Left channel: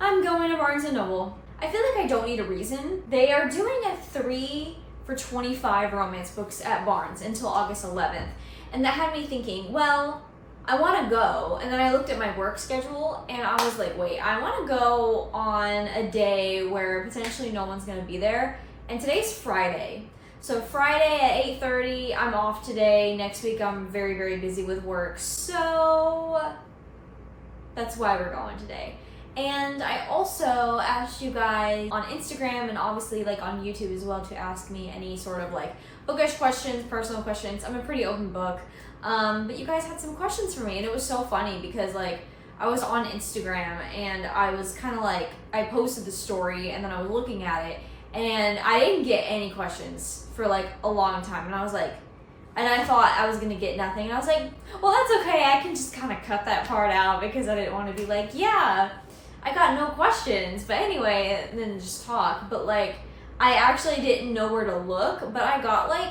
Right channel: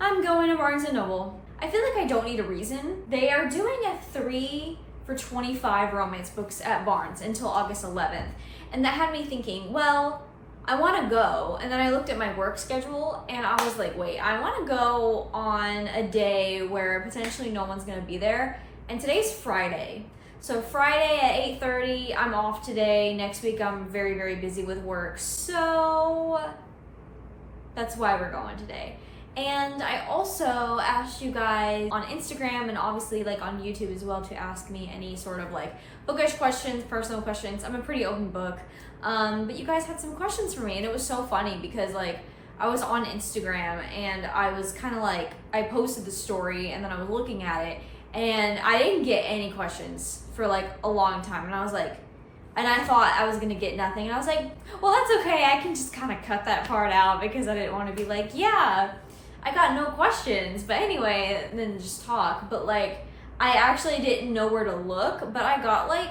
I'm going to Barnes & Noble. I feel like I don't need a reason. They are doing a 3 for $25 romance books at Barnes until August 11th. And that had me thinking, well, I want to go. And then I looked at my work schedule and I was like, wait, I want to go on a day where potentially no one's going to be there. And today's Friday. So Friday at 8:30, I'm off today. Next week, I'm very, very busy with work. So that's why we're going today. And I also asked you guys on Instagram and obviously like on YouTube as well to ask me any sort of like bookish questions, personal questions. I'm a pretty open book. But you guys had some questions for me and it was so funny because like I was on Instagram and I was kind of like, I posted the story and then I was looking at it and I didn't get any questions for like a long time. And I was like, and I thought I was gonna get nothing. And I was like, well, that's okay. I can just kind of cut that part out because I didn't want to be like, yeah, I got no questions, but anyway, and then just talk. But like, I actually didn't know where to look, but I got like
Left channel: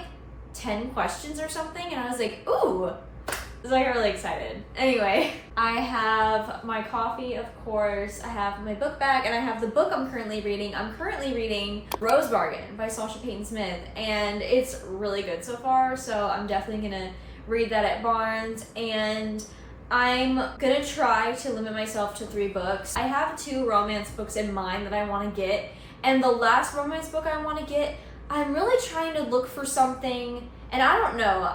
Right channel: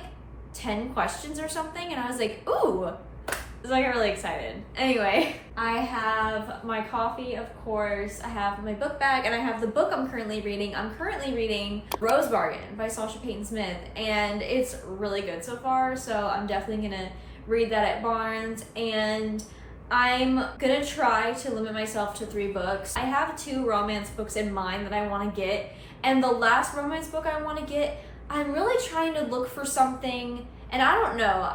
10 questions or something, and I was like, ooh, so I got really excited. Anyway, I have my coffee, of course, I have my book bag, and I have the book I'm currently reading. I'm currently reading Rose Bargain by Sasha Payton Smith, and it's really good so far, so I'm definitely gonna read that at Barnes, and I'm gonna try to limit myself to 3 books. I have 2 romance books in mind that I want to get, and the last romance book I want to get, I'm really trying to look for something, and I don't know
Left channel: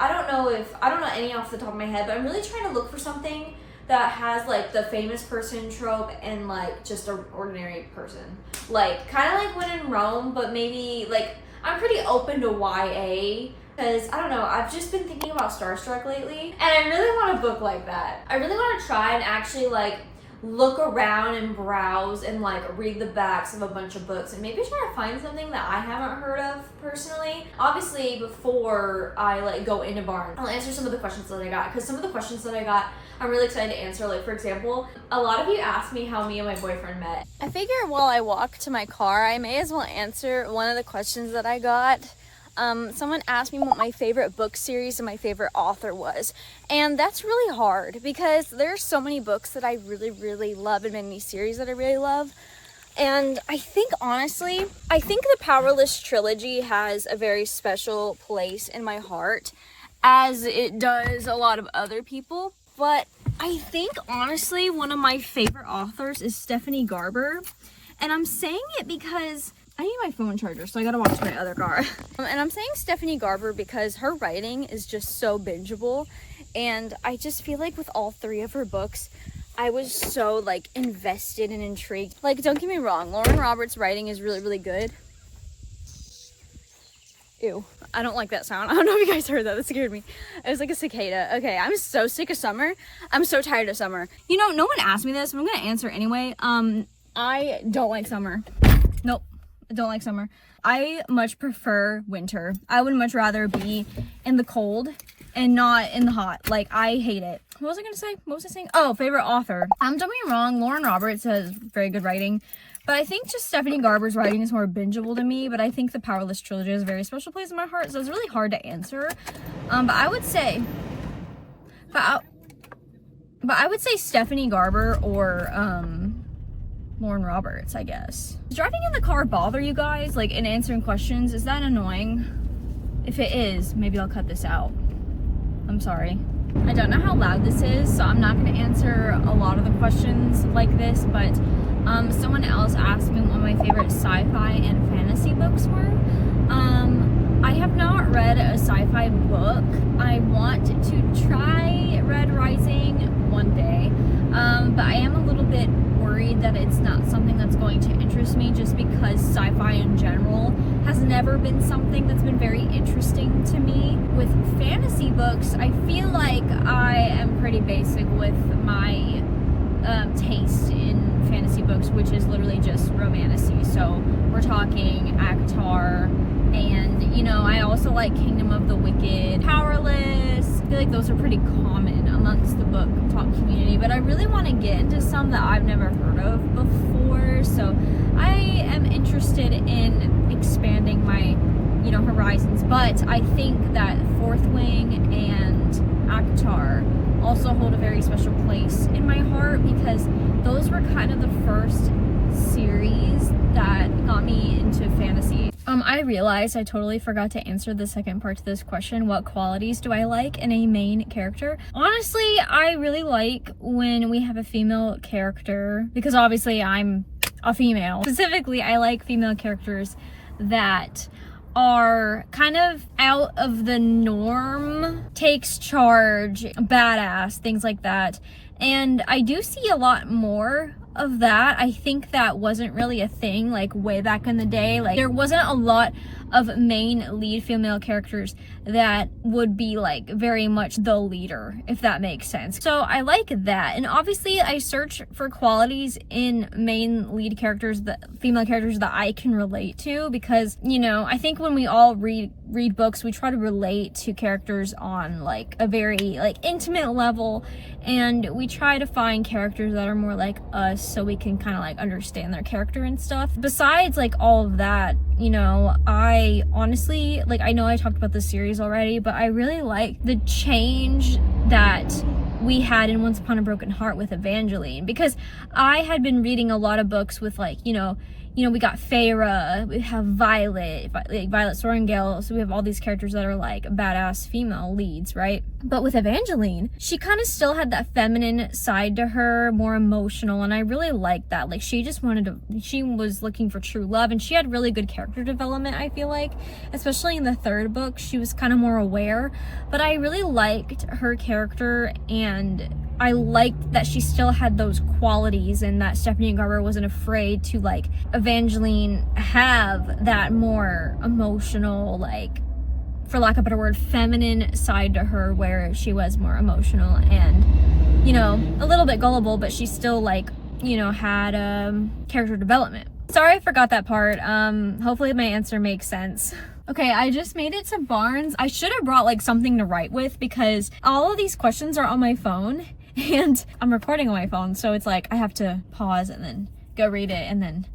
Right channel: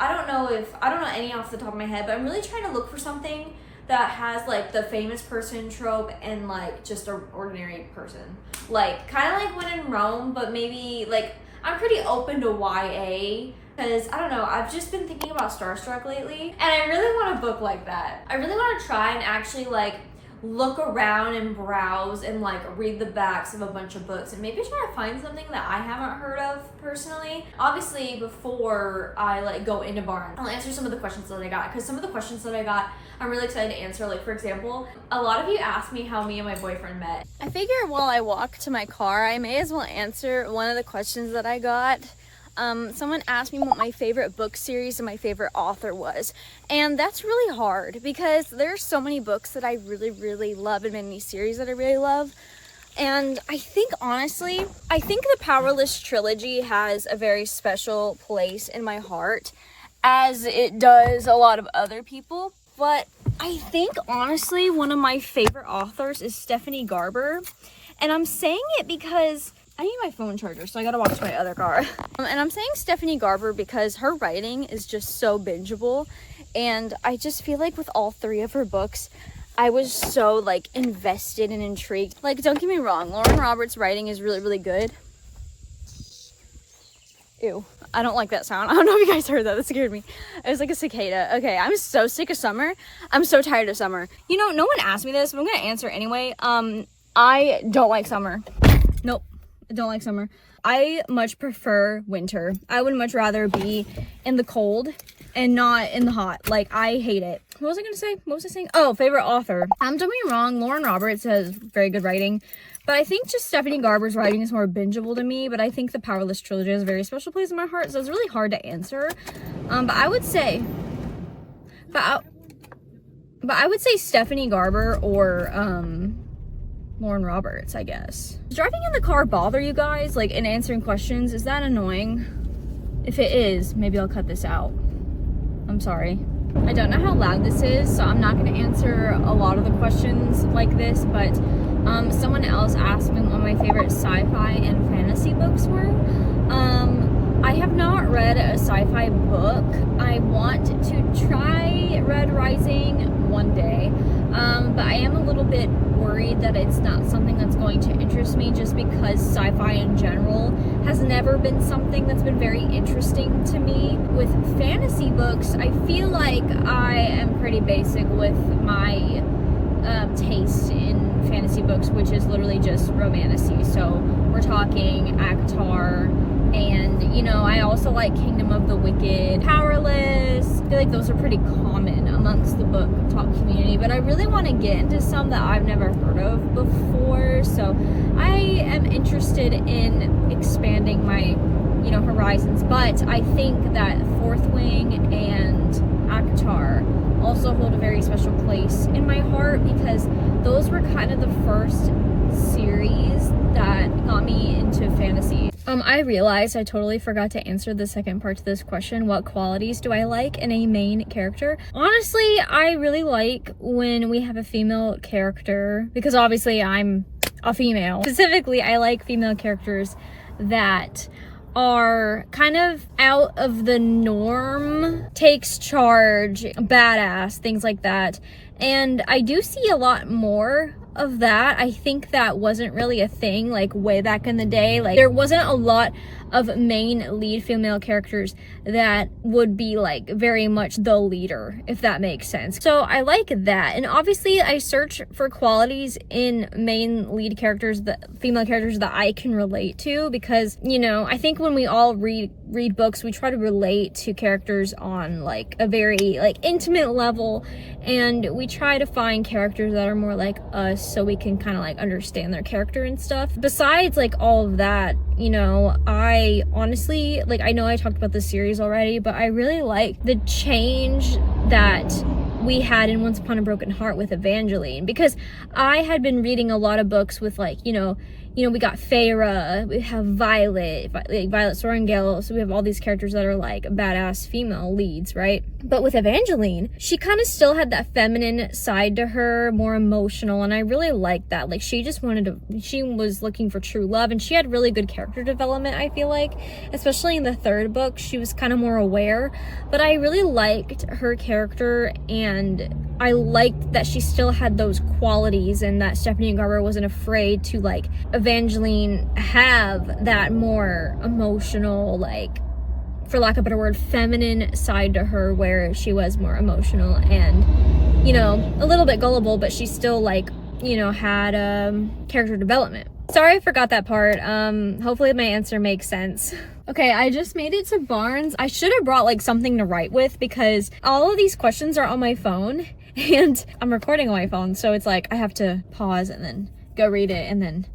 any off the top of my head, but I'm really trying to look for something that has like the famous person trope and like just an ordinary person. Like kind of like When in Rome, but maybe like I'm pretty open to YA. Because, I don't know, I've just been thinking about Starstruck lately, and I really want a book like that. I really want to try and actually, like, look around and browse and, like, read the backs of a bunch of books and maybe try to find something that I haven't heard of personally. Obviously, before I, like, go into Barnes, I'll answer some of the questions that I got, because some of the questions that I got, I'm really excited to answer. Like, for example, a lot of you asked me how me and my boyfriend met. I figure while I walk to my car, I may as well answer one of the questions that I got. Someone asked me what my favorite book series and my favorite author was, and that's really hard because there's so many books that I really, really love and many series that I really love. And I think honestly, the Powerless trilogy has a very special place in my heart, as it does a lot of other people. But I think honestly one of my favorite authors is Stephanie Garber, and I'm saying it because I need my phone charger, so I gotta walk to my other car. And I'm saying Stephanie Garber because her writing is just so bingeable, and I just feel like with all 3 of her books, I was so like invested and intrigued. Like, don't get me wrong, Lauren Roberts' writing is really, really good. Ew, I don't like that sound. I don't know if you guys heard that. That scared me. It was like a cicada. Okay, I'm so sick of summer. I'm so tired of summer. You know, no one asked me this, but I'm gonna answer anyway. I don't like summer. Nope. I don't like summer. I much prefer winter. I would much rather be in the cold and not in the hot. Like, I hate it. What was I gonna say? What was I saying? Oh, favorite author. Don't get me wrong, Lauren Roberts has very good writing, but I think just Stephanie Garber's writing is more bingeable to me. But I think the Powerless trilogy has a very special place in my heart, so it's really hard to answer. But I would say Stephanie Garber or Lauren Roberts, I guess. Does driving in the car bother you guys, like in answering questions? Is that annoying? If it is, maybe I'll cut this out. I'm sorry. I don't know how loud this is, so I'm not going to answer a lot of the questions like this, but someone else asked me what my favorite sci-fi and fantasy books were. I have not read a sci-fi book. I want to try Red Rising one day, but I am a little bit worried that it's not something that's going to interest me, just because sci-fi in general has never been something that's been very interesting to me. With fantasy books, I feel like I am pretty basic with my taste in fantasy books, which is literally just romantasy. So we're talking ACOTAR, and you know, I also like Kingdom of the Wicked, Powerless. I feel like those are pretty common amongst the book talk community, but I really want to get into some that I've never heard of before, so I am interested in expanding my, you know, horizons. But I think that Fourth Wing and ACOTAR also hold a very special place in my heart, because those were kind of the first I realized I totally forgot to answer the second part to this question. What qualities do I like in a main character? Honestly, I really like when we have a female character, because obviously I'm a female. Specifically, I like female characters that are kind of out of the norm, takes charge, badass, things like that. And I do see a lot more of that. I think that wasn't really a thing like way back in the day. Like there wasn't a lot of main lead female characters that would be like very much the leader, if that makes sense. So I like that. And obviously I search for qualities in main lead characters, the female characters that I can relate to, because, you know, I think when we all read books, we try to relate to characters on like a very like intimate level, and we try to find characters that are more like us so we can kind of like understand their character and stuff. Besides like all of that, you know, I honestly, like, I know I talked about this series already, but I really like the change that we had in Once Upon a Broken Heart with Evangeline, because I had been reading a lot of books with like, you know, we got Feyre, we have Violet Sorrengail, so we have all these characters that are like badass female leads, right? But with Evangeline, she kind of still had that feminine side to her, more emotional, and I really liked that. Like she was looking for true love, and she had really good character development, I feel like, especially in the third book. She was kind of more aware, but I really liked her character, and I liked that she still had those qualities, and that Stephanie Garber wasn't afraid to, like, Evangeline have that more emotional, like, for lack of a better word, feminine side to her, where she was more emotional and, you know, a little bit gullible, but she still, like, you know, had character development. Sorry I forgot that part. Hopefully my answer makes sense. Okay, I just made it to Barnes. I should have brought like something to write with, because all of these questions are on my phone and I'm recording on my phone, so it's like I have to pause and then go read it and then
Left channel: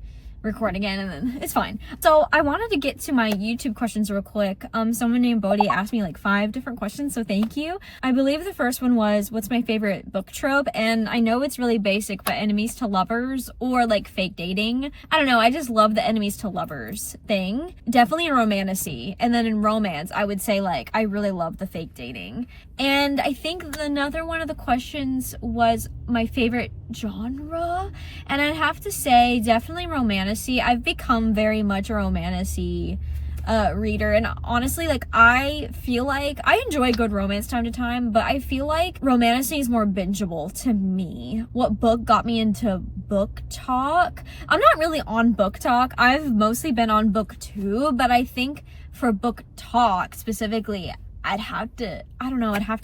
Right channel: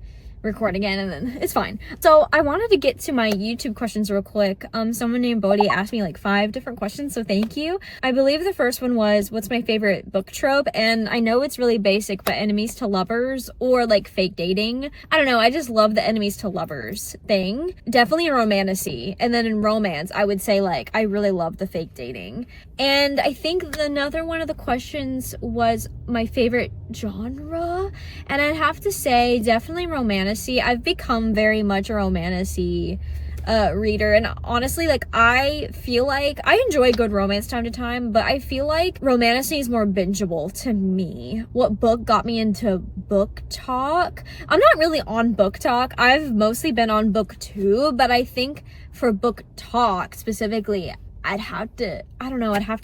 record again, and then it's fine. So I wanted to get to my YouTube questions real quick. Someone named Bodhi asked me like 5 different questions, so thank you. I believe the first one was, what's my favorite book trope? And I know it's really basic, but enemies to lovers or like fake dating. I don't know, I just love the enemies to lovers thing. Definitely in romantasy. And then in romance, I would say like I really love the fake dating. And I think another one of the questions was my favorite genre, and I'd have to say definitely romantasy. I've become very much a romantasy reader, and honestly, like, I feel like I enjoy good romance time to time, but I feel like romantasy is more bingeable to me. What book got me into BookTok? I'm not really on BookTok. I've mostly been on booktube, but I think for BookTok specifically, I'd have to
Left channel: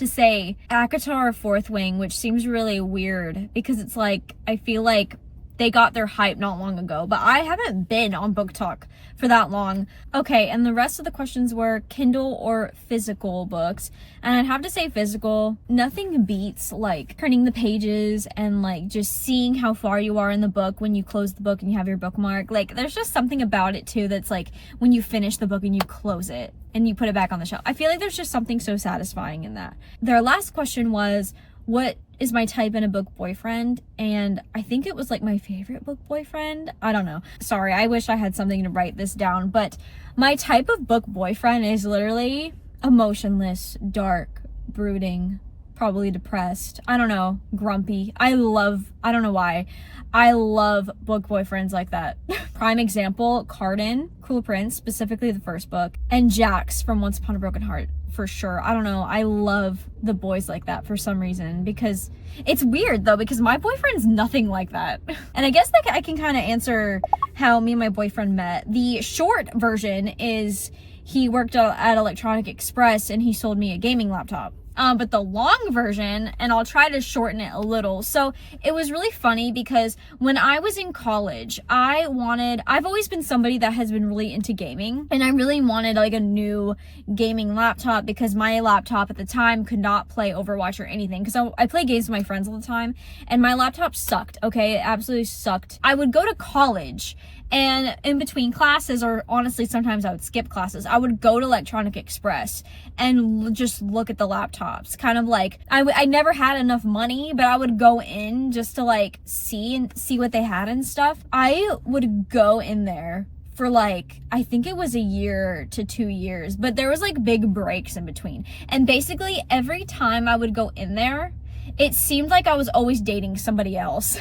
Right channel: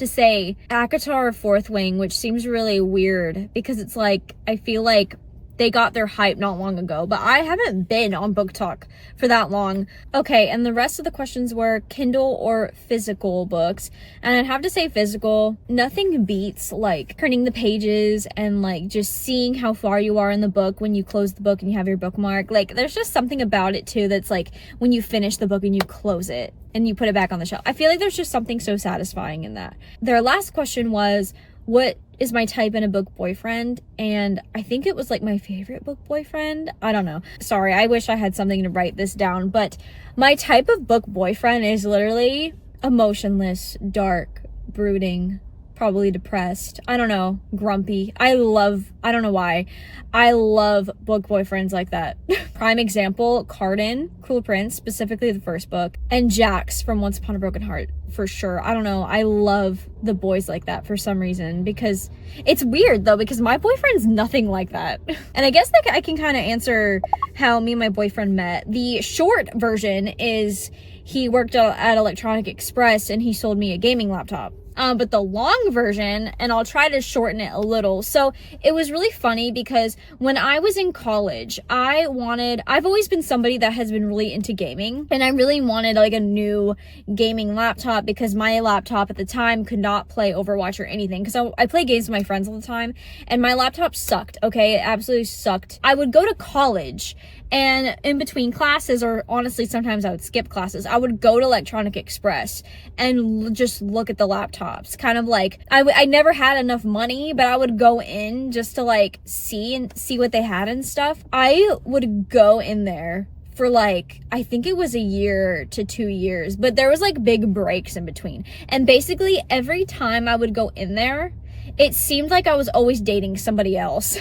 say ACOTAR Fourth Wing, which seems really weird because it's like, I feel like they got their hype not long ago, but I haven't been on BookTok for that long. Okay, and the rest of the questions were Kindle or physical books, and I'd have to say physical. Nothing beats like turning the pages and like just seeing how far you are in the book when you close the book and you have your bookmark. Like there's just something about it too that's like when you finish the book and you close it and you put it back on the shelf. I feel like there's just something so satisfying in that. Their last question was, what is my type in a book boyfriend? And I think it was like my favorite book boyfriend. I don't know. Sorry, I wish I had something to write this down, but my type of book boyfriend is literally emotionless, dark, brooding, probably depressed. I don't know, grumpy. I don't know why. I love book boyfriends like that. Prime example, Cardan, Cruel Prince, specifically the first book, and Jax from Once Upon a Broken Heart, for sure. I don't know, I love the boys like that for some reason, because it's weird though, because my boyfriend's nothing like that. And I guess that I can kind of answer how me and my boyfriend met. The short version is he worked at Electronic Express and he sold me a gaming laptop. But the long version, and I'll try to shorten it a little. So it was really funny because when I was in college, I've always been somebody that has been really into gaming, and I really wanted like a new gaming laptop because my laptop at the time could not play Overwatch or anything, because I play games with my friends all the time, and my laptop sucked. Okay, it absolutely sucked. I would go to college, and in between classes, or honestly sometimes I would skip classes, I would go to Electronic Express and just look at the laptops. Kind of like, I never had enough money, but I would go in just to like see what they had and stuff. I would go in there for like, I think it was a year to 2 years, but there was like big breaks in between. And basically every time I would go in there, it seemed like I was always dating somebody else.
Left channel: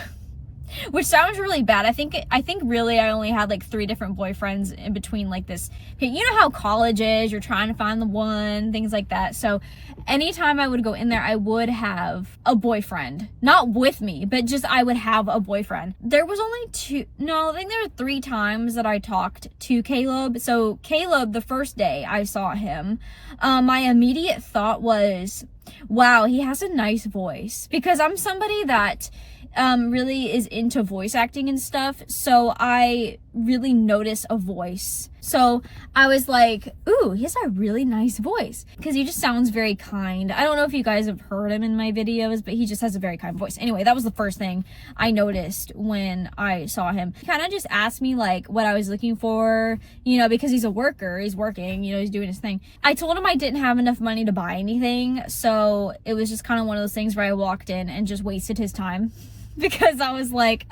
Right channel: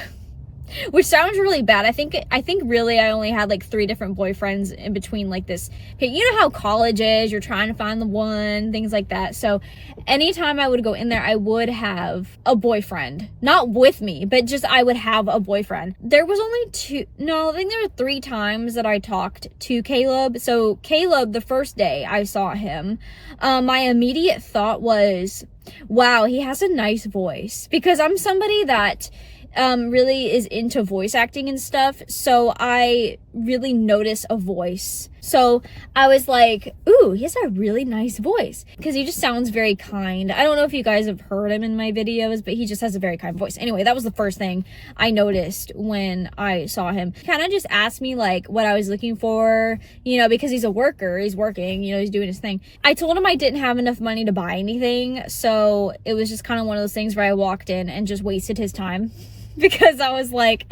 Which sounds really bad. I think really I only had like 3 different boyfriends in between like this. You know how college is, you're trying to find the one, things like that. So anytime I would go in there, I would have a boyfriend. Not with me, but just I would have a boyfriend. There was only I think there were 3 times that I talked to Caleb. So Caleb, the first day I saw him, my immediate thought was, wow, he has a nice voice. Because I'm somebody that really is into voice acting and stuff, so I really notice a voice. So I was like, ooh, he has a really nice voice, because he just sounds very kind. I don't know if you guys have heard him in my videos, but he just has a very kind voice. Anyway, that was the first thing I noticed when I saw him. He kind of just asked me like what I was looking for, you know, because he's a worker, he's working, you know, he's doing his thing. I told him I didn't have enough money to buy anything, so it was just kind of one of those things where I walked in and just wasted his time. Because I was like,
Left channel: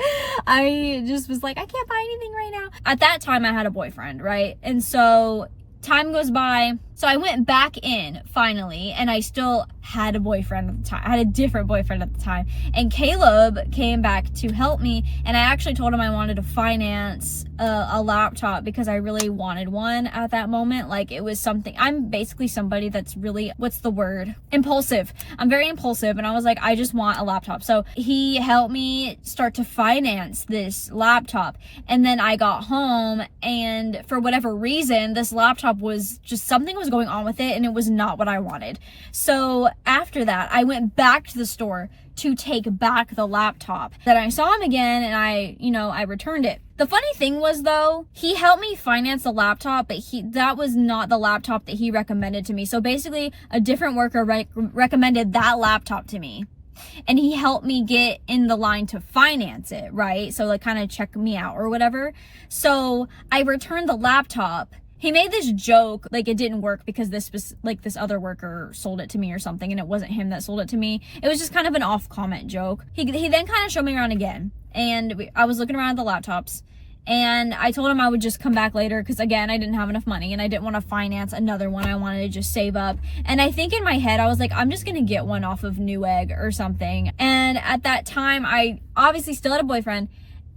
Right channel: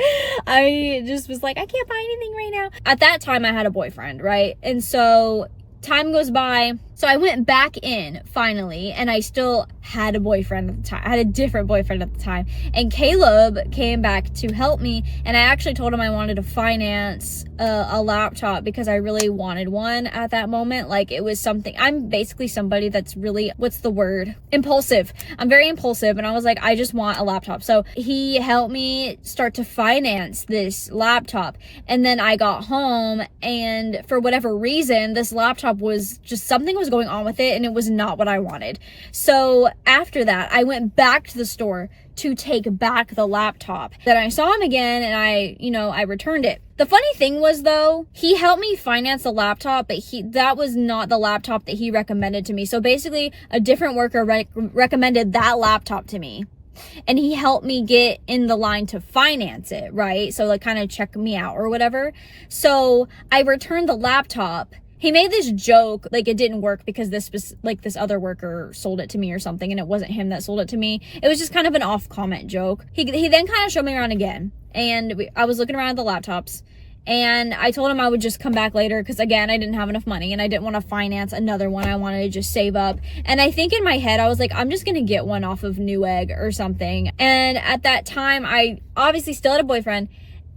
I can't buy anything right now. At that time, I had a boyfriend, right? And so time goes by. So I went back in finally, and I still had a boyfriend at the time. I had a different boyfriend at the time. And Caleb came back to help me, and I actually told him I wanted to finance a laptop because I really wanted one at that moment. Like, it was something, I'm basically somebody that's really, what's the word? Impulsive. I'm very impulsive, and I was like, I just want a laptop. So he helped me start to finance this laptop. And then I got home, and for whatever reason, this laptop was just, something was going on with it, and it was not what I wanted. So after that, I went back to the store to take back the laptop. Then I saw him again, and I returned it. The funny thing was, though, he helped me finance the laptop, but that was not the laptop that he recommended to me. So basically, a different worker recommended that laptop to me, and he helped me get in the line to finance it, right? So like kind of check me out or whatever. So I returned the laptop. He made this joke, like it didn't work because this other worker sold it to me or something, and it wasn't him that sold it to me. It was just kind of an off comment joke. He then kind of showed me around again, and I was looking around at the laptops, and I told him I would just come back later because, again, I didn't have enough money and I didn't want to finance another one. I wanted to just save up. And I think in my head, I was like, I'm just going to get one off of Newegg or something. And at that time, I obviously still had a boyfriend.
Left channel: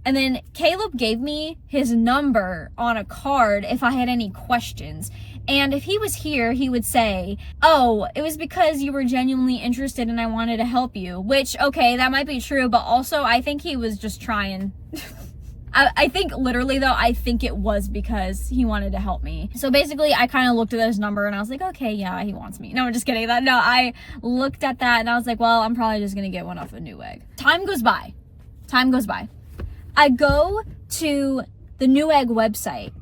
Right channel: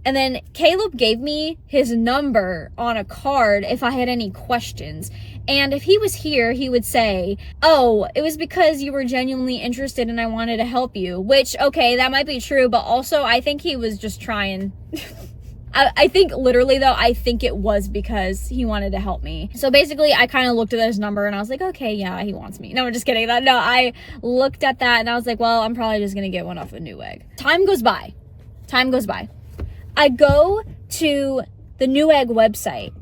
And then Caleb gave me his number on a card if I had any questions. And if he was here, he would say, oh, it was because you were genuinely interested and I wanted to help you. Which, okay, that might be true, but also I think he was just trying. I think literally though, I think it was because he wanted to help me. So basically I kind of looked at his number and I was like, okay, yeah, he wants me. No, I'm just kidding. No, I looked at that and I was like, well, I'm probably just going to get one off of Newegg. Time goes by. I go to the Newegg website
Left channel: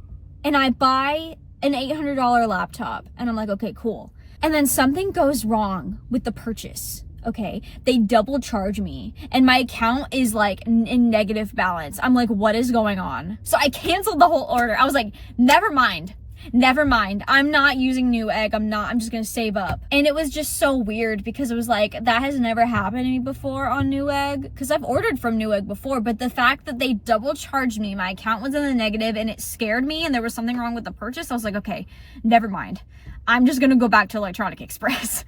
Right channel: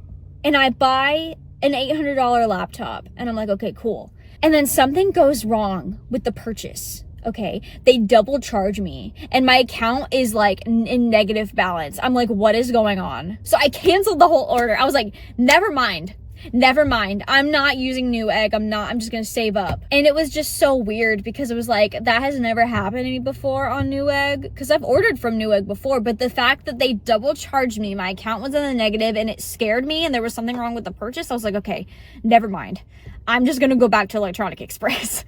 and I buy an $800 laptop and I'm like, okay, cool. And then something goes wrong with the purchase. Okay, they double charge me and my account is like in negative balance. I'm like, what is going on? So I canceled the whole order. I was like, never mind. I'm not using Newegg. I'm just gonna save up. And it was just so weird because it was like, that has never happened to me before on Newegg, because I've ordered from Newegg before, but the fact that they double charged me, my account was in the negative, and it scared me and there was something wrong with the purchase. I was like, okay, never mind. I'm just gonna go back to Electronic Express.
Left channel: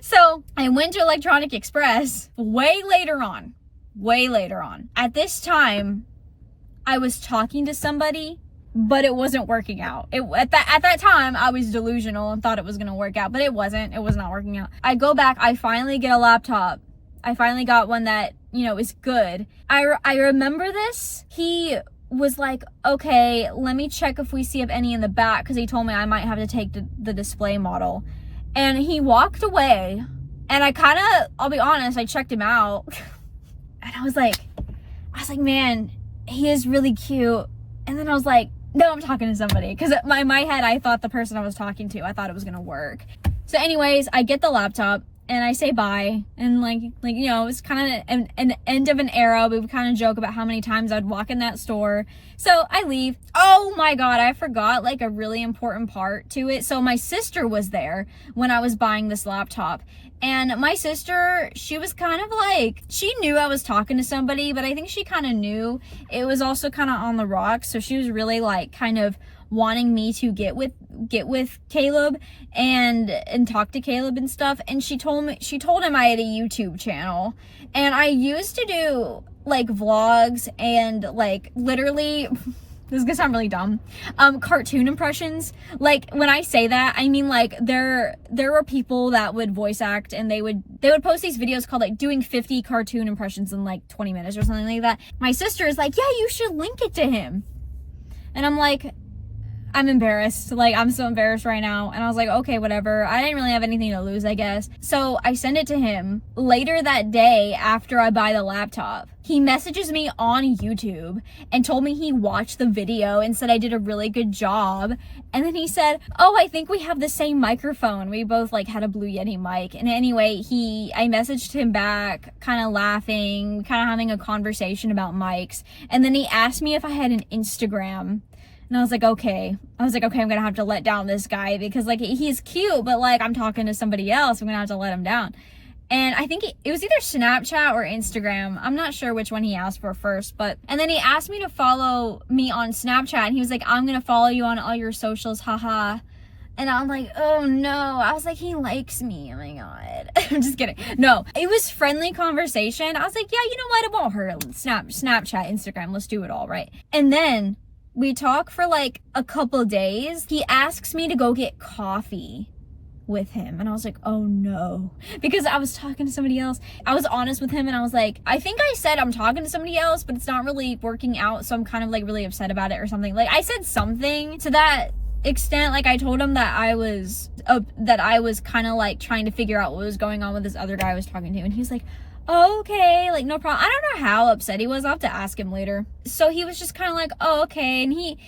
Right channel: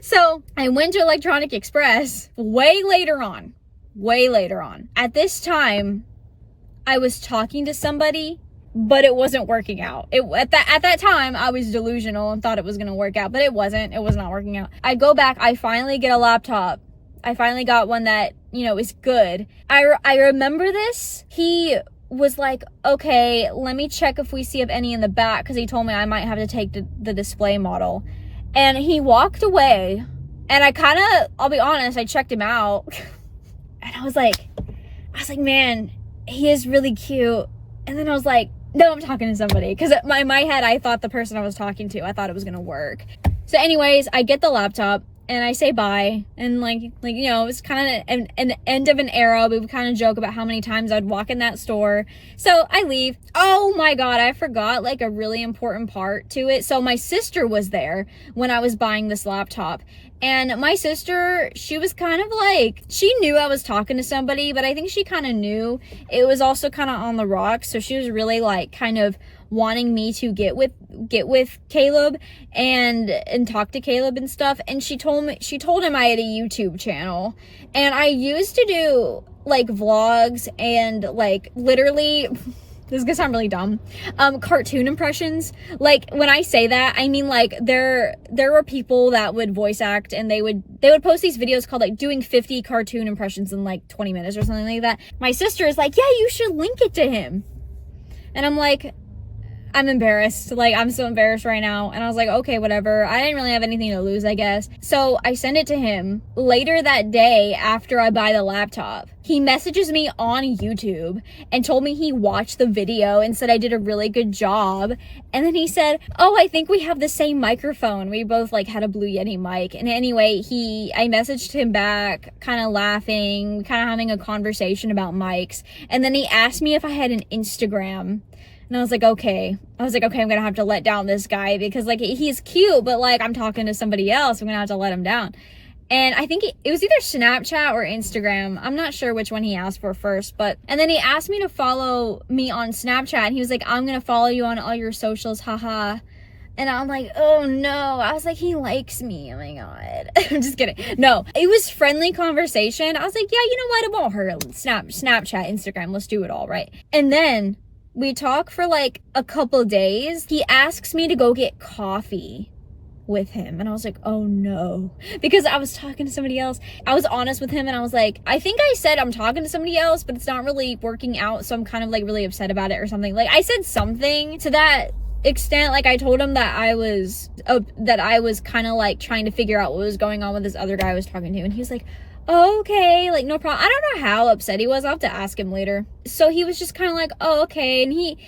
So I went to Electronic Express way later on. At this time, I was talking to somebody, but it wasn't working out. At that time, I was delusional and thought it was going to work out, but it wasn't. It was not working out. I go back. I finally get a laptop. I finally got one that, is good. I remember this. He was like, okay, let me check if we see if any in the back, because he told me I might have to take the display model. And he walked away, and I'll be honest, I checked him out. And I was like, man, he is really cute. And then I was like, no, I'm talking to somebody. Because in my head, I thought the person I was talking to, I thought it was going to work. So anyways, I get the laptop. and I say bye, and like you know, it was kind of an end of an era. We would kind of joke about how many times I'd walk in that store. So I leave. Oh my god, I forgot like a really important part to it. So my sister was there when I was buying this laptop, and my sister, she was kind of like, she knew I was talking to somebody, but I think she kind of knew it was also kind of on the rocks. So she was really like kind of wanting me to get with Caleb and talk to Caleb and stuff. And she told him I had a YouTube channel, and I used to do like vlogs and like literally this is gonna sound really dumb, cartoon impressions. Like when I say that, I mean like there were people that would voice act, and they would post these videos called like doing 50 cartoon impressions in like 20 minutes or something like that. My sister is like, yeah, you should link it to him. And I'm like, I'm embarrassed. Like, I'm so embarrassed right now. And I was like, okay, whatever. I didn't really have anything to lose, I guess. So I send it to him. Later that day, after I buy the laptop, he messages me on YouTube and told me he watched the video and said I did a really good job. And then he said, oh, I think we have the same microphone. We both like had a Blue Yeti mic. And anyway, I messaged him back, kind of laughing, kind of having a conversation about mics. And then he asked me if I had an Instagram. And I was like, okay, I'm gonna have to let down this guy, because like he's cute, but like I'm talking to somebody else, I'm gonna have to let him down. And I think it was either Snapchat or Instagram. I'm not sure which one he asked for first, and then he asked me to follow me on Snapchat, and he was like, I'm gonna follow you on all your socials, haha. And I'm like, oh no. I was like, he likes me. Oh my god. I'm just kidding. No, it was friendly conversation. I was like, yeah, you know what? It won't hurt. Snapchat, Instagram, let's do it all, right? And then we talk for like a couple days. He asks me to go get coffee with him, and I was like, oh no, because I was talking to somebody else. I was honest with him, and I was like, I think I said I'm talking to somebody else, but it's not really working out, so I'm kind of like really upset about it or something. Like I said something to that extent. Like I told him that I was kind of like trying to figure out what was going on with this other guy I was talking to, and he was like, oh, okay, like no problem. I don't know how upset he was. I'll have to ask him later. So he was just kind of like, oh, okay. And he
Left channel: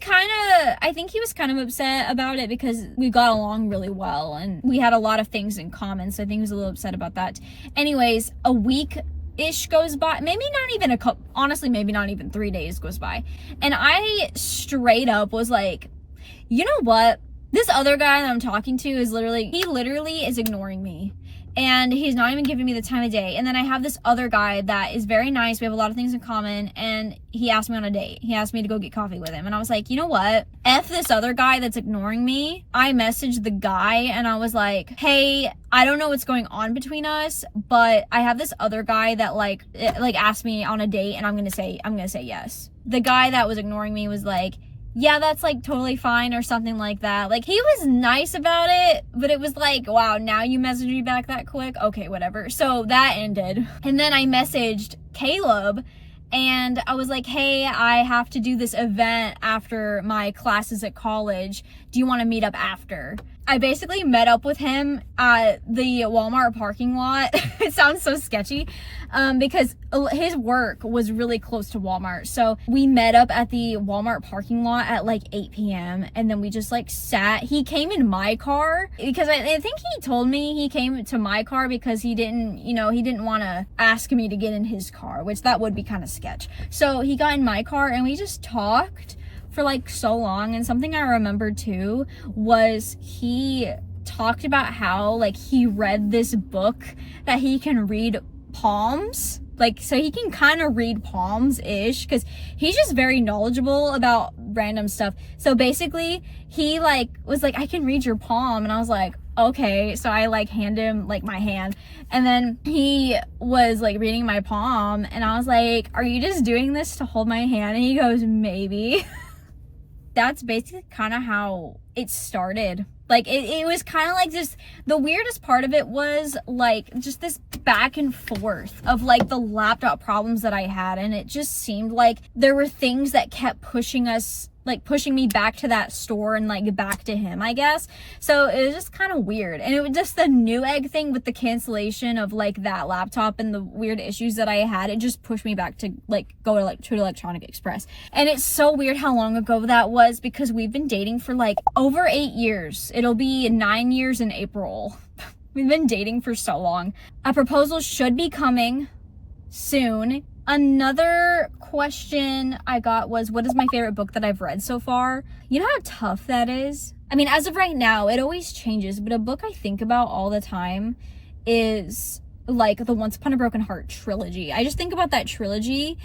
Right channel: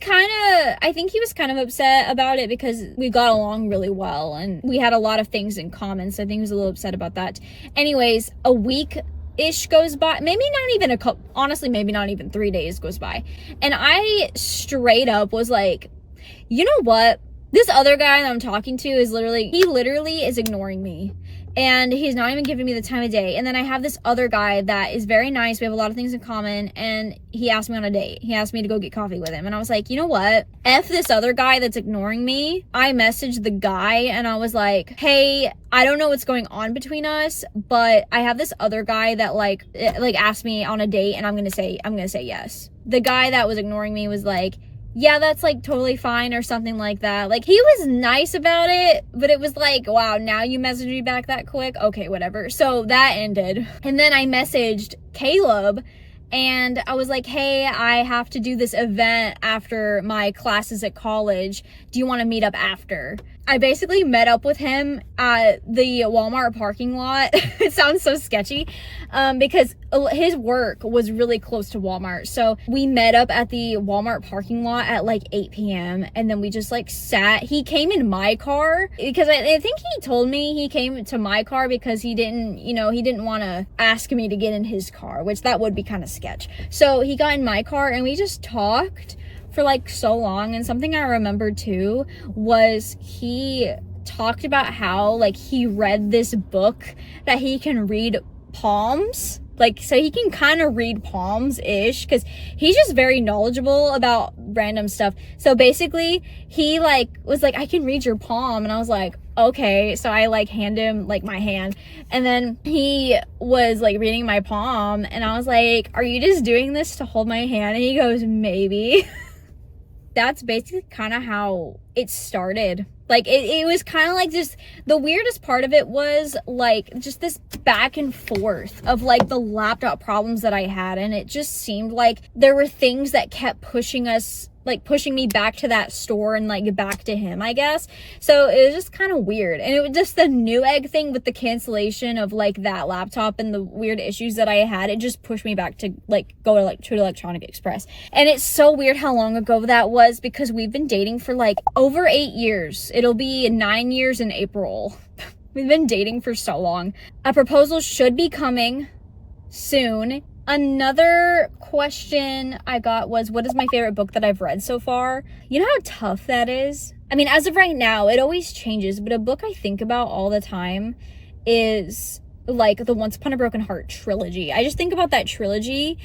kind of, I think he was kind of upset about it because we got along really well and we had a lot of things in common. So I think he was a little upset about that. Anyways, a week-ish goes by. Maybe not even honestly, maybe not even 3 days goes by. And I straight up was like, you know what? This other guy that I'm talking to is literally is ignoring me. And he's not even giving me the time of day. And then I have this other guy that is very nice. We have a lot of things in common. And he asked me on a date. He asked me to go get coffee with him. And I was like, you know what? F this other guy that's ignoring me. I messaged the guy and I was like, hey, I don't know what's going on between us, but I have this other guy that like asked me on a date, and I'm gonna say yes. The guy that was ignoring me was like, yeah, that's like totally fine or something like that. Like he was nice about it, but it was like, wow, now you messaged me back that quick? Okay, whatever. So that ended. And then I messaged Caleb and I was like, hey, I have to do this event after my classes at college. Do you want to meet up after? I basically met up with him at the Walmart parking lot. It sounds so sketchy because his work was really close to Walmart. So we met up at the Walmart parking lot at like 8 p.m. and then we just like sat. He came in my car because I think he told me he came to my car because he didn't want to ask me to get in his car, which that would be kind of sketch. So he got in my car and we just talked for like so long. And something I remember too was he talked about how like he read this book that he can read palms, like so he can kind of read palms-ish because he's just very knowledgeable about random stuff. So basically he like was like, I can read your palm, and I was like, okay. So I like hand him like my hand, and then he was like reading my palm, and I was like, are you just doing this to hold my hand? And he goes, maybe. That's basically kind of how it started. Like it was kind of like just the weirdest part of it was like just this back and forth of like the laptop problems that I had, and it just seemed like there were things that kept pushing me back to that store and like back to him, I guess. So it was just kind of weird. And it was just the Newegg thing with the cancellation of like that laptop and the weird issues that I had. It just pushed me back to like go to Electronic Express. And it's so weird how long ago that was because we've been dating for like over 8 years. It'll be 9 years in April. We've been dating for so long. A proposal should be coming soon. Another question I got was, what is my favorite book that I've read so far? You know how tough that is? I mean, as of right now, it always changes, but a book I think about all the time is like the Once Upon a Broken Heart trilogy. I just think about that trilogy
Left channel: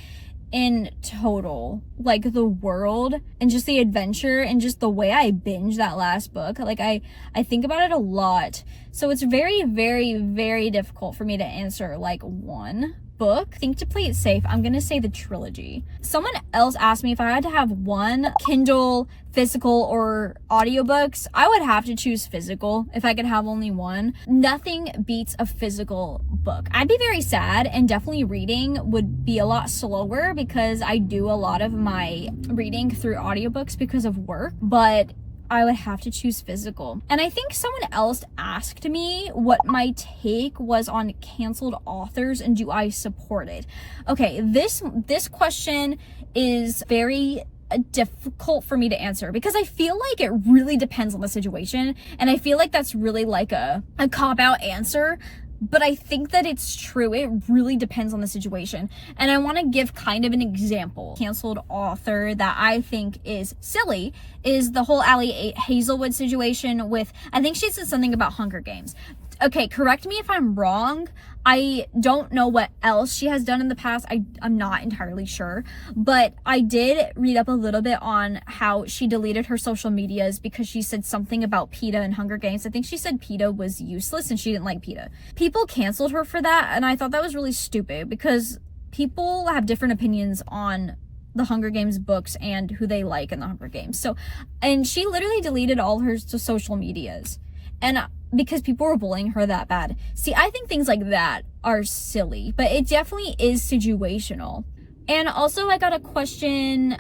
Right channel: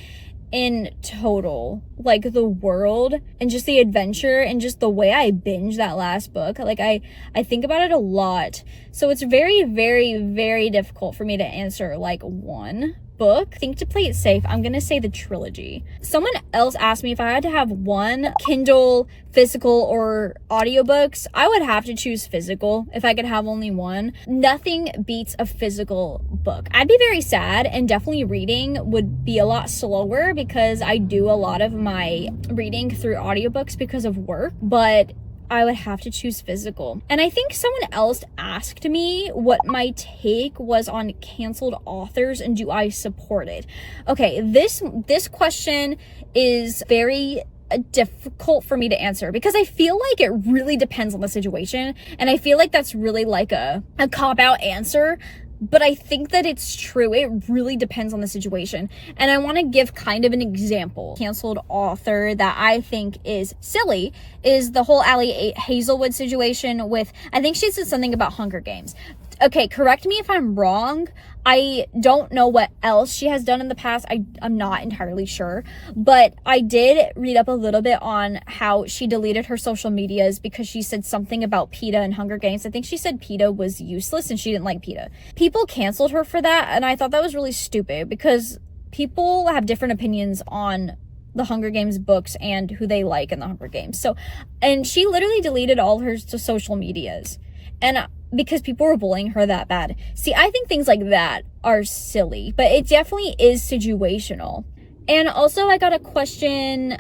in total, like the world and just the adventure and just the way I binge that last book. Like I think about it a lot. So it's very, very, very difficult for me to answer like one book. I think to play it safe, I'm gonna say the trilogy. Someone else asked me if I had to have one Kindle, physical, or audiobooks. I would have to choose physical if I could have only one. Nothing beats a physical book. I'd be very sad, and definitely reading would be a lot slower because I do a lot of my reading through audiobooks because of work, but I would have to choose physical. And I think someone else asked me what my take was on canceled authors and do I support it. Okay, this question is very difficult for me to answer because I feel like it really depends on the situation, and I feel like that's really like a cop-out answer. But I think that it's true. It really depends on the situation. And I want to give kind of an example. Canceled author that I think is silly is the whole Allie Hazelwood situation with, I think she said something about Hunger Games. Okay, correct me if I'm wrong. I don't know what else she has done in the past. I'm not entirely sure. But I did read up a little bit on how she deleted her social medias because she said something about PETA and Hunger Games. I think she said PETA was useless and she didn't like PETA. People canceled her for that, and I thought that was really stupid because people have different opinions on the Hunger Games books and who they like in the Hunger Games. So, and she literally deleted all her social medias. And because people were bullying her that bad. See, I think things like that are silly, but it definitely is situational. And also I got a question,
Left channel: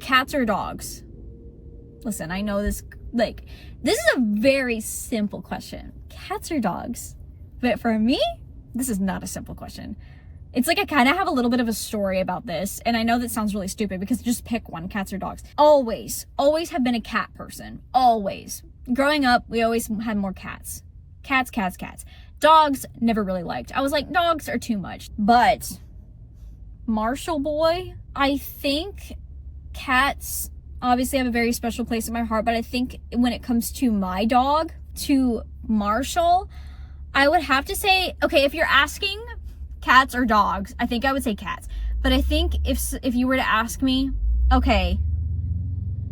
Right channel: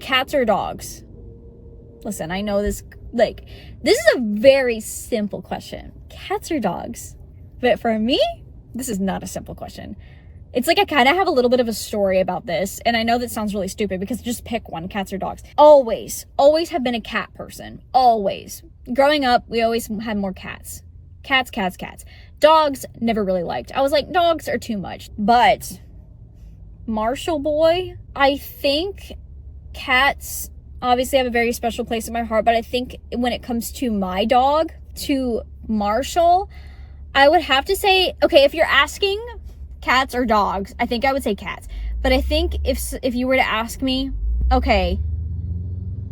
cats or dogs? Listen, I know this is a very simple question. Cats or dogs? But for me, this is not a simple question. It's like I kind of have a little bit of a story about this, and I know that sounds really stupid because just pick one, cats or dogs. Always have been a cat person. Always. Growing up, we always had more cats. Cats. Dogs, never really liked. I was like, dogs are too much. But Marshall boy, I think cats obviously have a very special place in my heart, but I think when it comes to my dog, to Marshall, I would have to say, okay, if you're asking cats or dogs, I think I would say cats. But I think if you were to ask me, okay,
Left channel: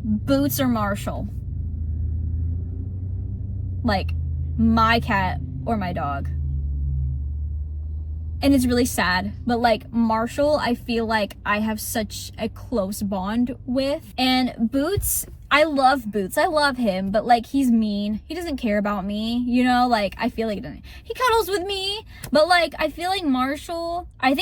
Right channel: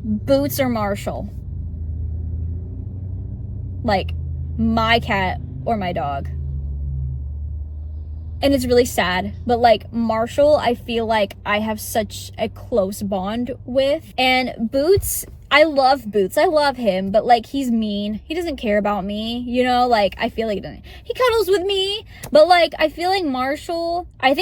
Boots or Marshall, like my cat or my dog. And it's really sad, but like Marshall, I feel like I have such a close bond with. And Boots, I love Boots. I love him, but like he's mean. He doesn't care about me, you know? Like I feel like he doesn't. He cuddles with me, but like I feel like Marshall, I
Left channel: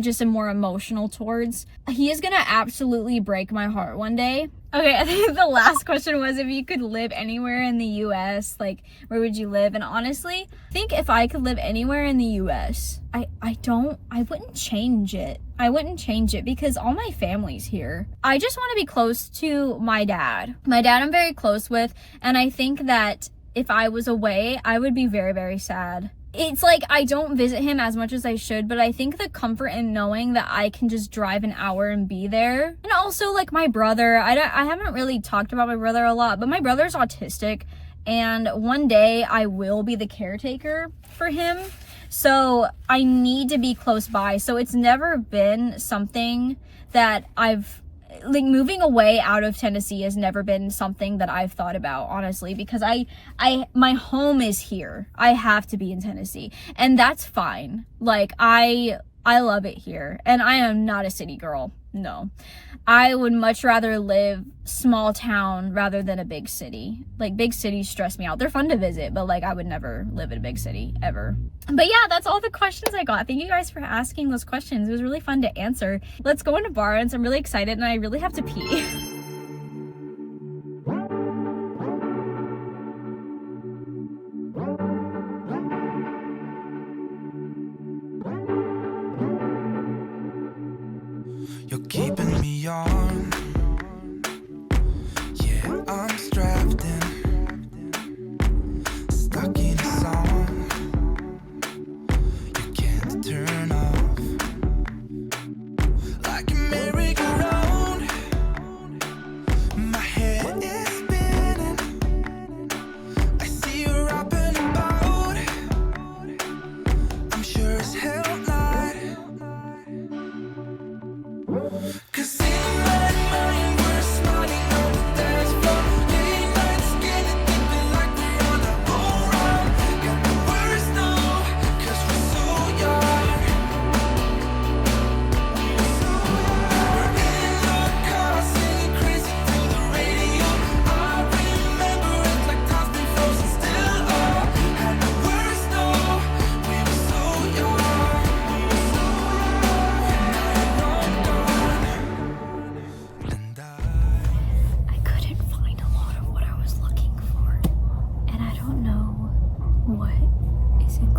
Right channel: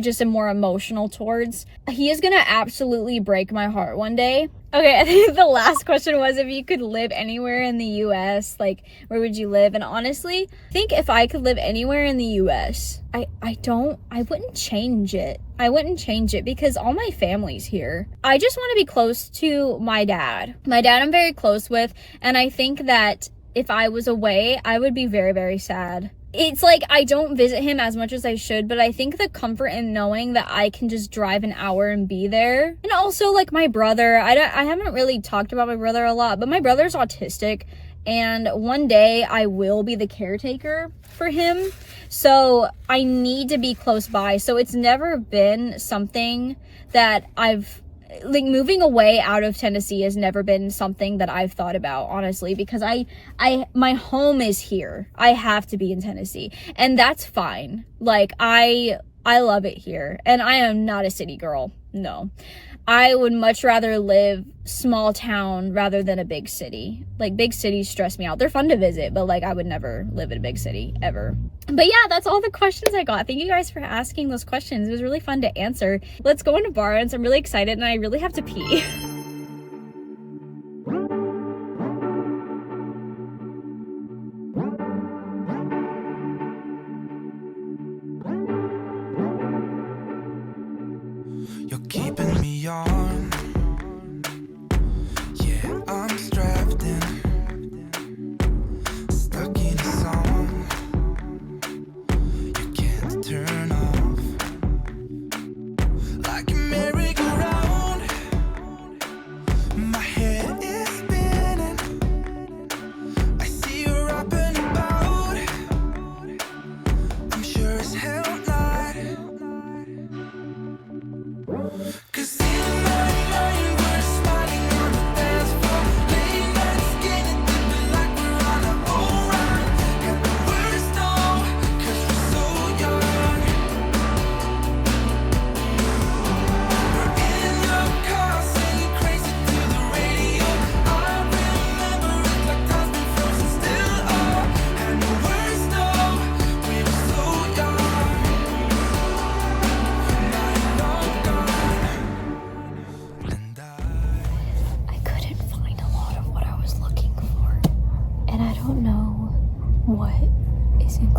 just am more emotional towards. He is gonna absolutely break my heart one day. Okay, I think the last question was if you could live anywhere in the US, like where would you live? And honestly, I think if I could live anywhere in the US, I wouldn't change it. I wouldn't change it because all my family's here. I just want to be close to my dad. My dad I'm very close with, and I think that if I was away, I would be very, very sad. It's like I don't visit him as much as I should, but I think the comfort in knowing that I can just drive an hour and be there. And also like my brother, I haven't really talked about my brother a lot, but my brother's autistic, and one day I will be the caretaker for him. So I need to be close by. So it's never been something that like moving away out of Tennessee has never been something that I've thought about, honestly, because my home is here. I have to be in Tennessee, and that's fine. Like I love it here, and I am not a city girl. No, I would much rather live small town rather than a big city. Like big cities stress me out. They're fun to visit, but like I would never live in a big city ever. But yeah, that's all the questions I got. Thank you guys for asking those questions. It was really fun to answer. Let's go into Barnes. I'm really excited and I really have to pee. You're keeping me on. Yeah, I'm strapped in, stuck in a song.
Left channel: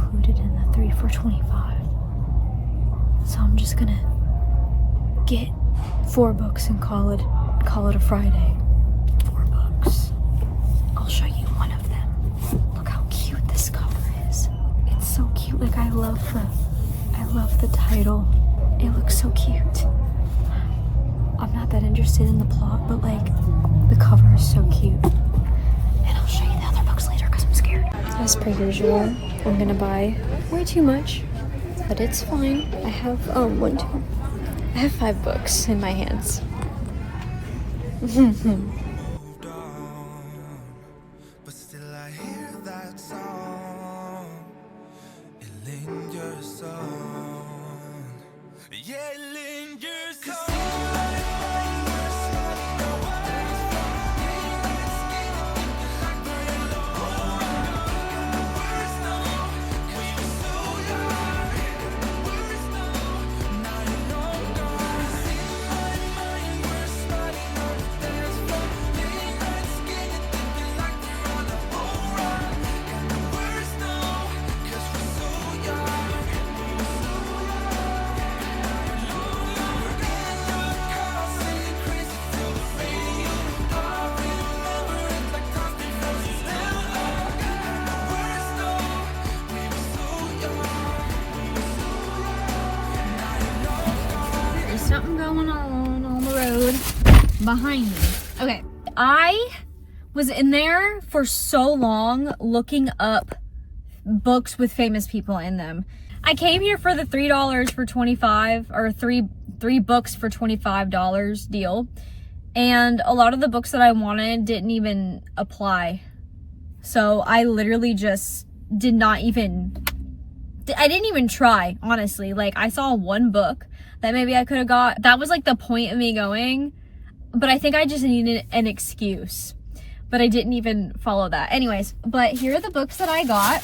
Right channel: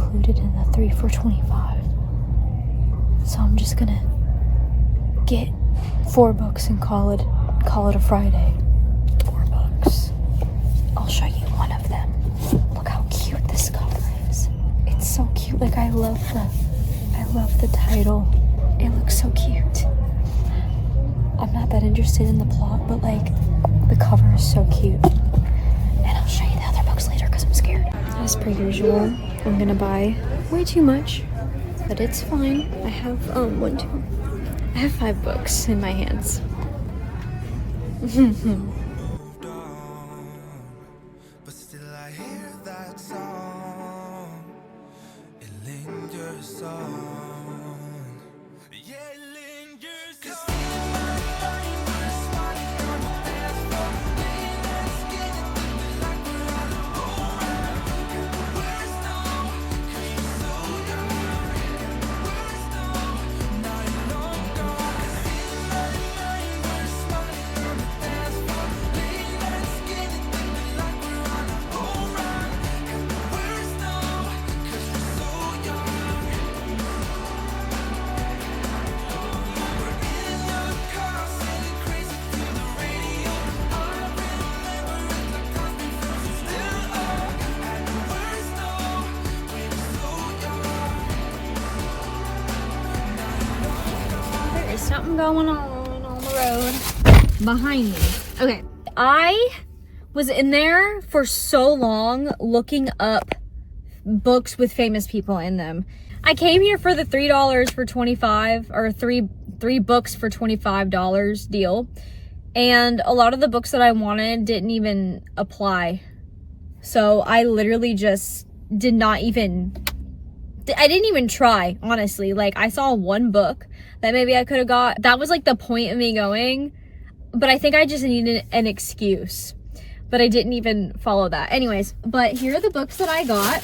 included in the 3 for $25. So I'm just gonna get 4 books and call it a Friday. 4 books. I'll show you one of them. Look how cute this cover is. It's so cute. Like, I love the title. It looks so cute. I'm not that interested in the plot, but like, the cover is so cute. And I'll show you the other books later because I'm scared. As per usual, I'm gonna buy way too much, but it's fine. I have I have 5 books in my hands. But still I hear that song. It lingers on. Yeah, it lingers on. Something going on the road behind me. Okay, I was in there for so long looking up books with famous people in them. I came here for the $3 for 25 or three books for $25 deal, and a lot of the books that I wanted didn't even apply. So I literally just I didn't even try, honestly. Like, I saw one book that maybe I could have got. That was like the point of me going, but I think I just needed an excuse, but I didn't even follow that. Anyways, but here are the books that I got.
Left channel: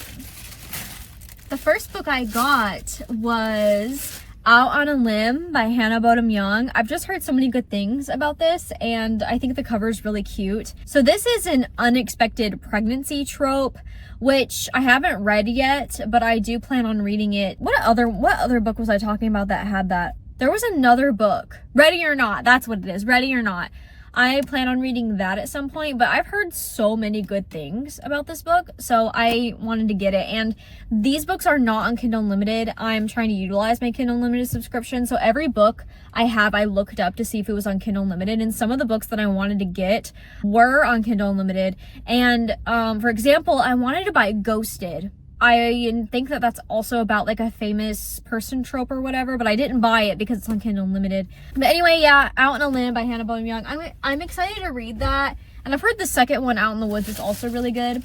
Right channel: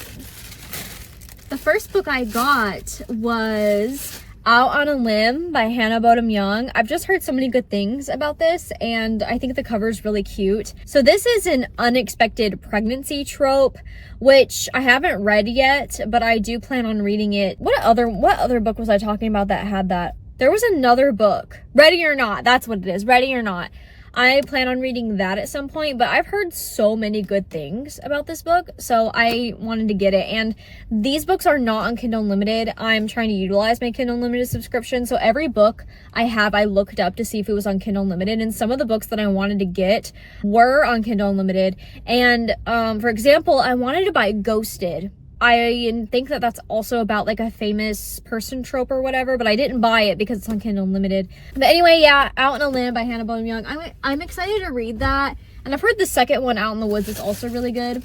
The first book I got was Out on a Limb by Hannah Bodum Young. I've just heard so many good things about this, and I think the cover is really cute. So this is an unexpected pregnancy trope, which I haven't read yet, but I do plan on reading it. What other book was I talking about that had that? There was another book, Ready or Not. That's what it is, Ready or Not. I plan on reading that at some point, but I've heard so many good things about this book, so I wanted to get it. And these books are not on Kindle Unlimited. I'm trying to utilize my Kindle Unlimited subscription, so every book I looked up to see if it was on Kindle Unlimited, and some of the books that I wanted to get were on Kindle Unlimited. And for example, I wanted to buy Ghosted. I think that that's also about like a famous person trope or whatever, but I didn't buy it because it's on Kindle Unlimited. But anyway, yeah, Out on a Limb by Hannah Bodum Young. I'm excited to read that, and I've heard the second one, Out in the Woods, is also really good.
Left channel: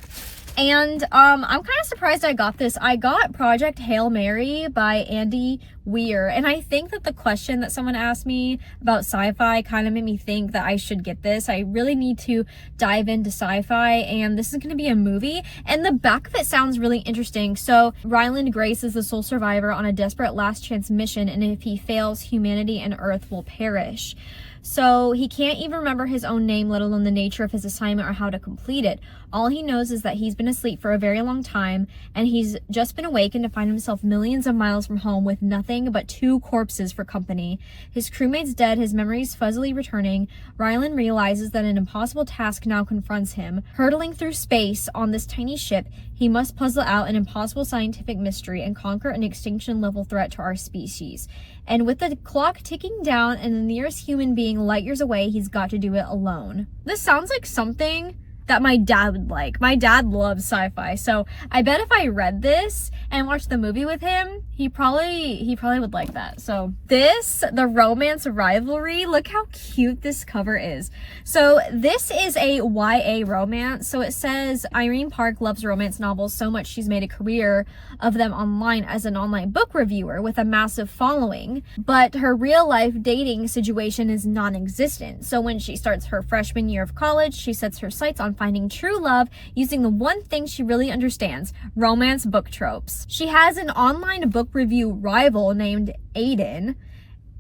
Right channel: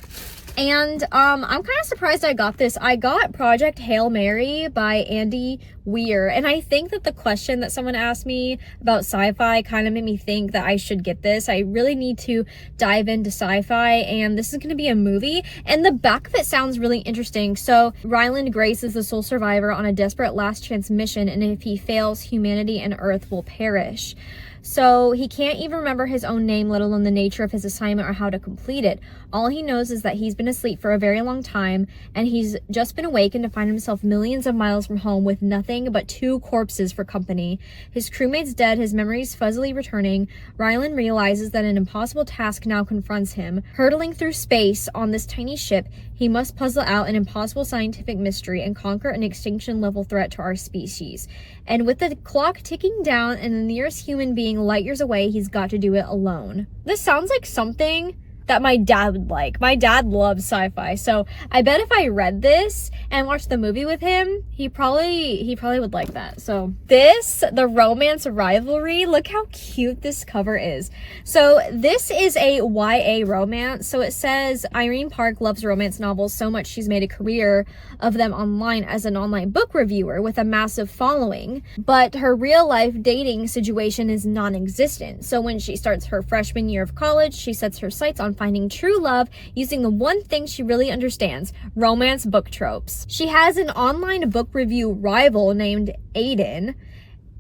And I'm kind of surprised I got this. I got Project Hail Mary by Andy Weir, and I think that the question that someone asked me about sci-fi kind of made me think that I should get this. I really need to dive into sci-fi, and this is going to be a movie, and the back of it sounds really interesting. So Ryland Grace is the sole survivor on a desperate last chance mission, and if he fails, humanity and Earth will perish. So he can't even remember his own name, let alone the nature of his assignment or how to complete it. All he knows is that he's been asleep for a very long time, and he's just been awakened to find himself millions of miles from home with nothing but 2 corpses for company. His crewmate's dead, his memories fuzzily returning. Ryland realizes that an impossible task now confronts him. Hurtling through space on this tiny ship, he must puzzle out an impossible scientific mystery and conquer an extinction-level threat to our species. And with the clock ticking down and the nearest human being light years away, he's got to do it alone. This sounds like something that my dad would like. My dad loves sci-fi, so I bet if I read this and watched the movie with him, he probably would like that. So this, The Romance Rivalry, look how cute this cover is. So this is a YA romance. So it says Irene Park loves romance novels so much she's made a career of them online as an online book reviewer with a massive following, but her real life dating situation is non-existent. So when she starts her freshman year of college, she sets her sights on finding true love using the one thing she really understands: romance book tropes. She has an online book review rival named Aiden,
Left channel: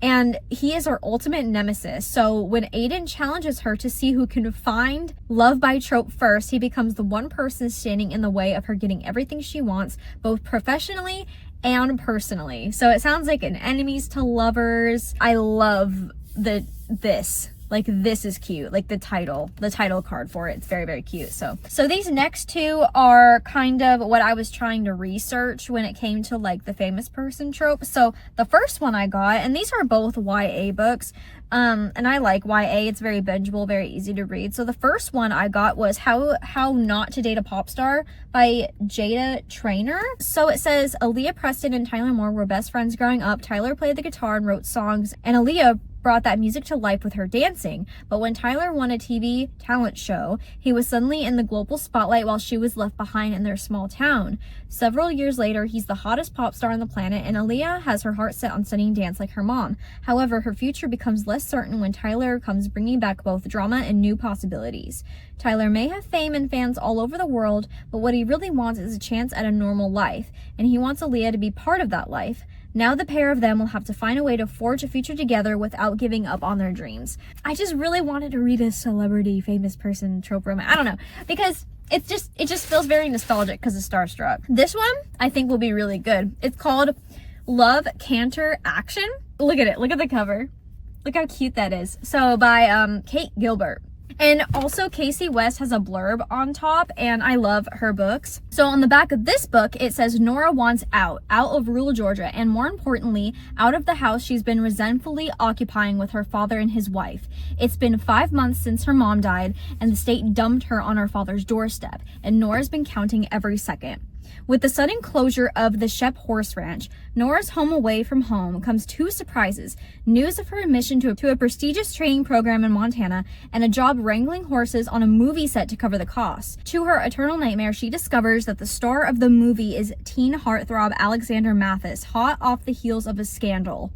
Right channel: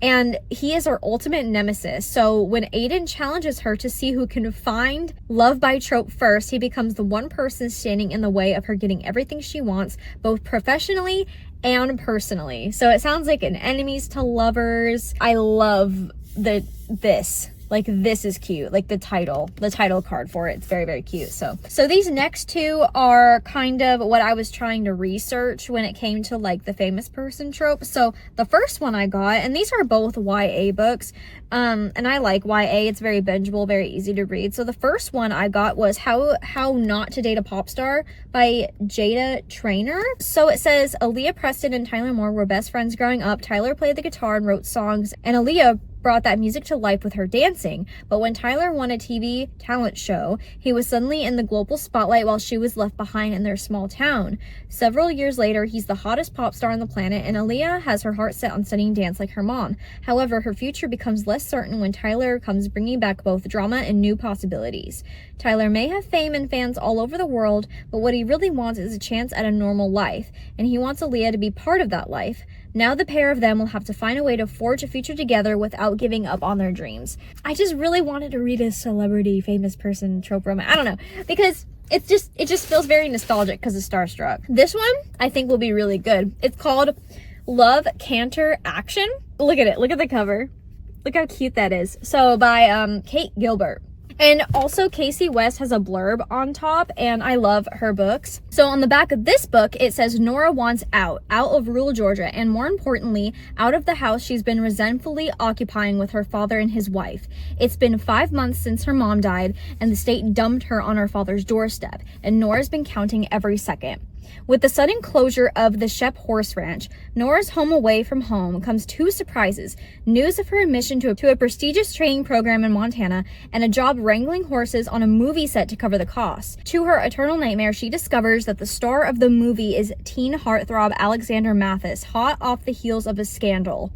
and he is her ultimate nemesis. So when Aiden challenges her to see who can find love by Trope first, he becomes the one person standing in the way of her getting everything she wants, both professionally and personally. So it sounds like an enemies to lovers. I love this. Like, this is cute. Like the title card for it. It's very, very cute. So these next two are kind of what I was trying to research when it came to like the famous person trope. So the first one I got, and these are both YA books. And I like YA. It's very bingeable, very easy to read. So the first one I got was How Not to Date a Pop Star by Jada Traynor. So it says, Aaliyah Preston and Tyler Moore were best friends growing up. Tyler played the guitar and wrote songs, and Aaliyah brought that music to life with her dancing. But when Tyler won a TV talent show, he was suddenly in the global spotlight while she was left behind in their small town. Several years later, he's the hottest pop star on the planet, and Aaliyah has her heart set on studying dance like her mom. However, her future becomes less certain when Tyler comes bringing back both drama and new possibilities. Tyler may have fame and fans all over the world, but what he really wants is a chance at a normal life, and he wants Aaliyah to be part of that life. Now the pair of them will have to find a way to forge a future together without giving up on their dreams. I just really wanted to read a celebrity, famous person trope romance. I don't know, because it just feels very nostalgic because of Starstruck. This one I think will be really good. It's called Love Canter Action. Look at it. Look at the cover. Look how cute that is. So by Kate Gilbert. And also Casey West has a blurb on top, and I love her books. So on the back of this book, it says Nora wants out of rural Georgia, and more importantly, out of the house she's been resentfully occupying with her father and his wife. It's been 5 months since her mom died, and the state dumped her on her father's doorstep, and Nora's been counting every second. With the sudden closure of the Shep Horse Ranch, Nora's home away from home comes two surprises: news of her admission to a prestigious training program in Montana, and a job wrangling horses on a movie set to cover the costs. To her eternal nightmare, she discovers that the star of the movie is teen heartthrob Alexander Mathis, hot off the heels of a scandal.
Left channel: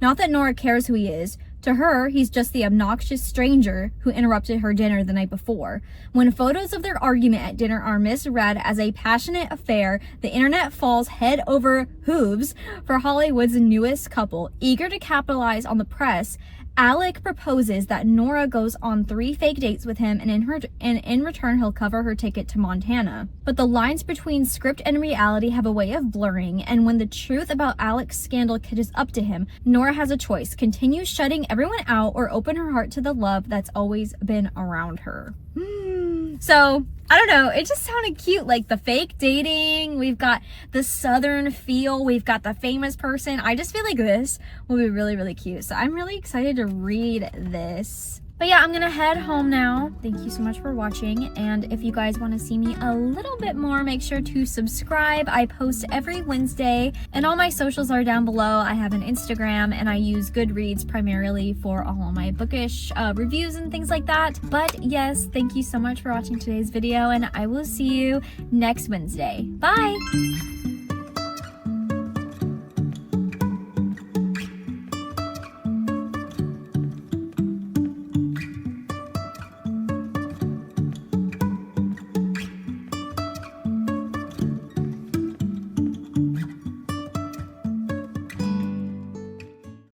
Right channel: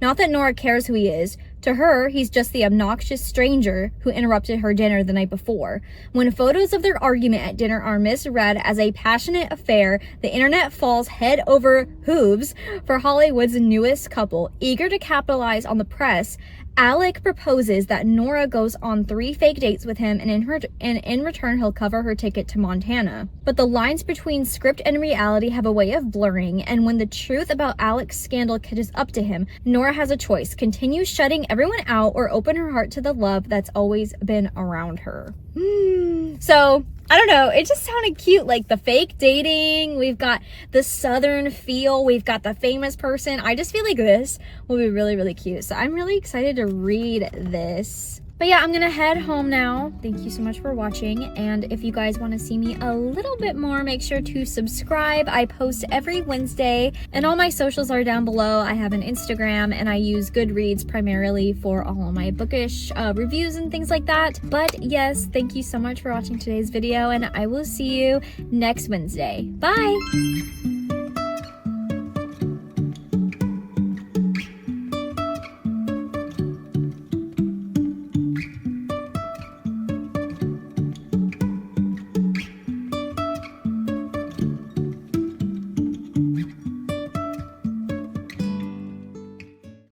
Not that Nora cares who he is. To her, he's just the obnoxious stranger who interrupted her dinner the night before. When photos of their argument at dinner are misread as a passionate affair, the internet falls head over hooves for Hollywood's newest couple. Eager to capitalize on the press, Alec proposes that Nora goes on 3 fake dates with him, and in return he'll cover her ticket to Montana. But the lines between script and reality have a way of blurring, and when the truth about Alec's scandal catches up to him, Nora has a choice: continue shutting everyone out or open her heart to the love that's always been around her. So I don't know, it just sounded cute. Like the fake dating, we've got the southern feel, we've got the famous person. I just feel like this will be really, really cute. So I'm really excited to read this. But yeah, I'm gonna head home now. Thank you so much for watching, and if you guys want to see me a little bit more, make sure to subscribe. I post every Wednesday, and all my socials are down below. I have an Instagram, and I use Goodreads primarily for all of my bookish reviews and things like that. But yes, thank you so much for watching today's video, and I will see you next Wednesday. Bye!